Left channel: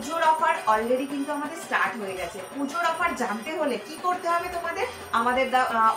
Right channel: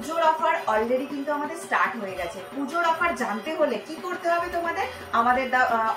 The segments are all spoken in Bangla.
পুজোর অফার অলরেডি কিন্তু আমাদের স্টার্ট হয়ে গেছে। পুজোর অফার জানতে হলে কি করতে হবে তোমাদের, আমাদের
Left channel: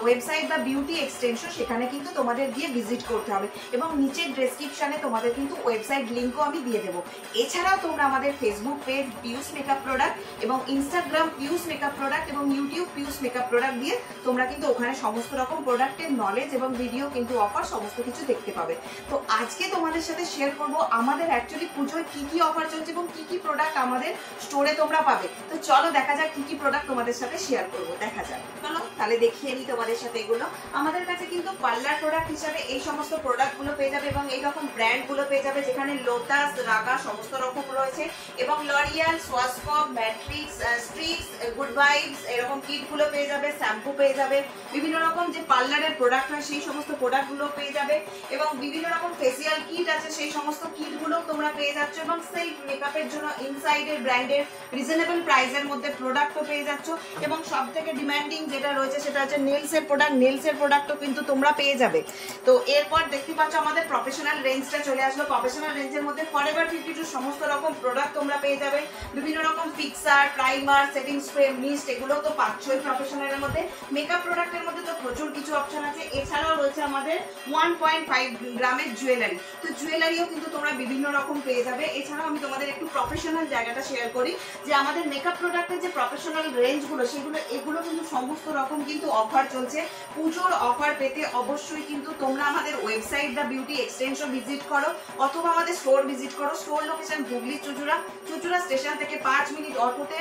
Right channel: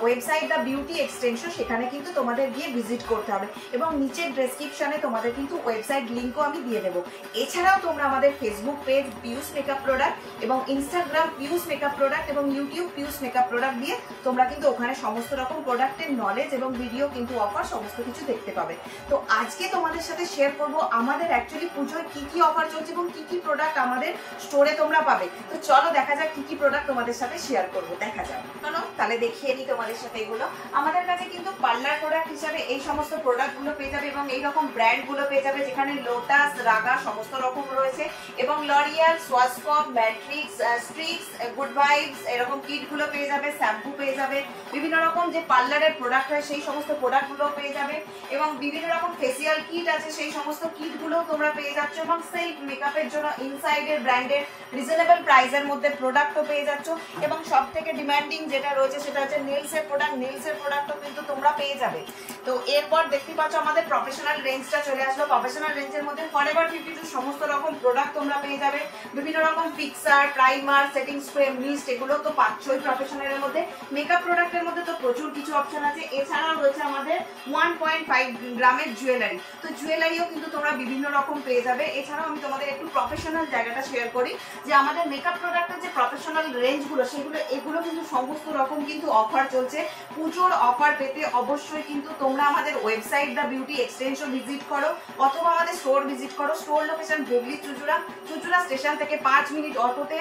ওয়েবসাইট দ্য বিউটি এক্সটেনশন, সেখানে কিন্তু তোমাদের গিয়ে ভিজিট করতে হবে এবং নিচের ডেসক্রিপশনে তোমাদের কিন্তু ওয়েবসাইট লিঙ্কও আমি দিয়ে দেবো। এছাড়াও তোমরা আমাদের ফেসবুক পেজ পিউস মেকআপ প্রোডাক্ট এবং ইনস্টাগ্রাম পিউস মেকআপ প্রোডাক্ট এবং ইউটিউব পিউস মেকআপ প্রোডাক্ট দিয়ে তোমরা কিন্তু ওখানে সমস্ত রকম প্রোডাক্টের নলেজ এবং ভিডিও কিন্তু অফার সমস্ত কিছু দেখতে পাবে। তো আজকে তোমাদের সাথে শেয়ার করব আমাদের অ্যাকচুয়ালি পুজোয় কি কি অফার চলছে এবং কি কি প্রোডাক্ট আমাদের স্টোরে তোমরা পাবে। তো চলো দেখা যাক কি কি প্রোডাক্ট তোমাদের সাথে শেয়ার করব, দেখা যাক। চলো তাহলে দেখিয়ে নিই তোমাদের সাথে এগুলো। আমাদের কাছে কিন্তু পার্লার প্রোডাক্ট হিসাবে এই সমস্ত প্রোডাক্ট গুলো পেয়ে যাবে এবং এইরকম ব্র্যান্ড গুলো পেয়ে যাবে, যেখানে লোটাস, রাগা সমস্ত রকম রয়েছে এবং লরিয়াল, সোয়াসকক, ম্যাট্রিক্স, স্ট্রিক্স, গুড ভাইবস এরকম কিট গুলো পেয়ে যাবে, শ্যাম্পু পেয়ে যাবে, বিভিন্ন রকম যে পার্লারের প্রোডাক্ট হয় সেই সমস্ত প্রোডাক্ট গুলো পেয়ে যাবে এবং বিভিন্ন রকম ফেসিয়াল কিট আছে সেই সমস্ত কিট গুলো তোমরা পেয়ে যাচ্ছ এবং সেলফ মেকআপের জন্য ইনসাইডের ব্র্যান্ডের রিজনেবল প্রাইসের মধ্যে প্রোডাক্টও পেয়ে যাচ্ছ এবং সব থেকে ডিমান্ডিং যেটা রয়েছে সেটা হচ্ছে নেলসের প্রোডাক্ট। নেলসের প্রোডাক্টও কিন্তু তোমরা পেয়ে যাবে। তো এরপর দেখতে পাচ্ছ আমাদের প্রফেশনাল রেঞ্জটা চলে আসলো। প্রফেশনাল রেঞ্জের মধ্যে ফরএভার 52 সমস্ত রকম প্রোডাক্ট তোমরা পেয়ে যাবে, বিভিন্ন রকম fixer, primer, setting spray, mist এগুলো তো পাচ্ছই প্রফেশনালের মধ্যে। মেকআপ প্রোডাক্টের মধ্যে তো প্রচুর কিছু অপশন আছে। এছাড়াও রয়েছে আমাদের 1.5 গ্রামের জুয়েলারি, তো জুয়েলারিও কিন্তু তোমরা বিভিন্ন রকম পেয়ে যাবে। এছাড়াও আমি তোমাদের একটু প্রফেশনাল জায়গাটা শেয়ার করি যে আমাদের মেকআপ প্রোডাক্টের যে প্রফেশনাল রেঞ্জগুলো সেগুলো এগুলো কিন্তু সমস্ত রকম কিন্তু অফার চলছে। পুজোর অফার পেতে অবশ্যই কিন্তু তোমরা আমাদের website the beauty extension visit করো অথবা আমাদের স্টোর ভিজিট করো। Store location Hooghly Chuchura, Chuchura station থেকে 5 মিনিট অটোতে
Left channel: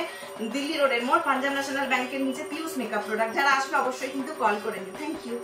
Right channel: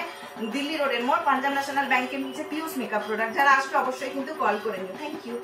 দিল্লি রোডের মোড়, পাঞ্জাব ন্যাশনাল ব্যাংকের নিচে পিউস মেকআপ প্রোডাক্ট। যারা আসবে অবশ্যই কিন্তু কল করে নিও। Thank you.